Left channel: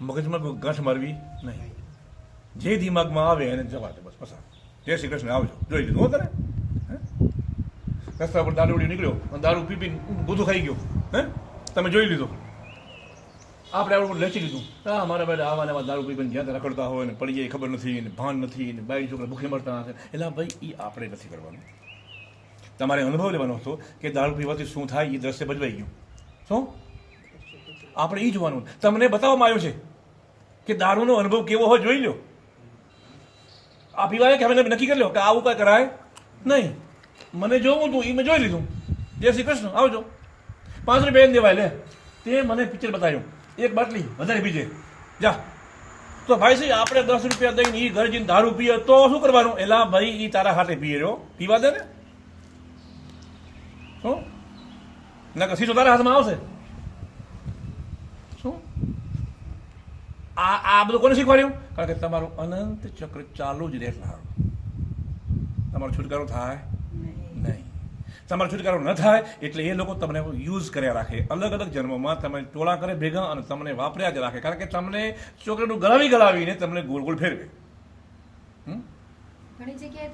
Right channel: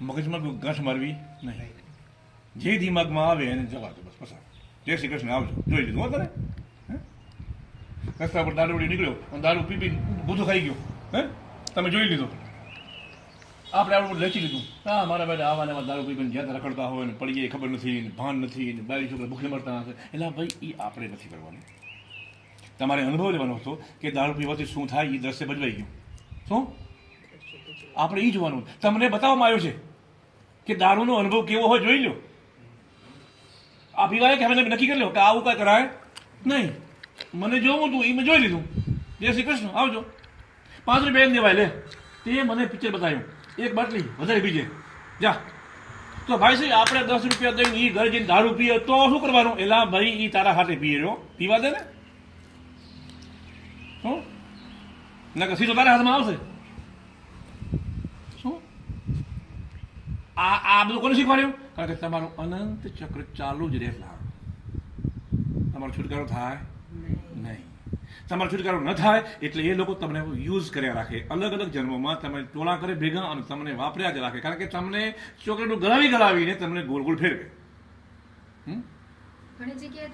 મગજમાં ગાંઠ મારવી નહીં. જે દિમાગમાં આવે એને જવા દે, બસ પસાર. જય શ્રી કૃષ્ણ, આવજો. જોઈ લીધું હો તને? રસ્તા પર દારૂડી નીકળ્યો અને દારૂ પી પી બધું ખાઈ ગયો. તમે જોઈ લીધો. આપણે આપણું લખી લીધું. હા, મારા ભાઈ આવા દારૂ પી પીને જ્યાં રખડતા હોય ને પડી જાય ખબર નથી ને ભાન નથી ને બાઈ છોકરા ભૂખે મરતા હશે. એટલે ભાઈ એ આપણે નથી કરવાનું. તમારે અનુભવ લેવાનો હતો કે દારૂ પીવાથી શું થાય એ દ્રશ્ય ભજવાઈ ગયું. શું આપણે એ જોવાનું. તમને બતાવવામાં આવ્યો છે કે દારૂનો અનુભવ કેવો હોય, જોઈ લો. આ પીવાય કે અમે નક્કી કરી લો કે આવું કાંઈ કરાય નહીં. મને જોવું હતું એ મેં જોઈ લીધું. જય શ્રી કૃષ્ણ, આવજો. 5 રૂપિયા એમ દેવાય લે. તે મને પિક્ચર બતાવ્યું, એક બાટલી વધારે પીજે જા. તો ભાઈ સાહેબ આપણે 10 રૂપિયા દઈને એ ઘરે જઈને દારૂ પીએ તો શું કરવાનું? એલા ભાઈ એ તારા હાથે પીએ રહ્યો, પીવા દે ને. શું ના સીધો તારા હાથમાં આવશે? શું આ બધું કોને શીખવાડ્યું? કારણ કે તમારું અનંત ચક્ર ચાલુ જ રહે. તમારો છુટકારો થાય નહીં. તમારો છુટકારો ન થાય એટલે એ લોકો તમને યુઝ કર્યા રાખે. અલગ અલગ જન્મોમાં તમે ટોળા કરે ભેગા અને તમને વાપર્યા જ રાખે. કારણ કે તમને ચોકલેટનું ગલાવીને તમને ગોળ ગોળ ફેરવે. ઘણી જગ્યાએ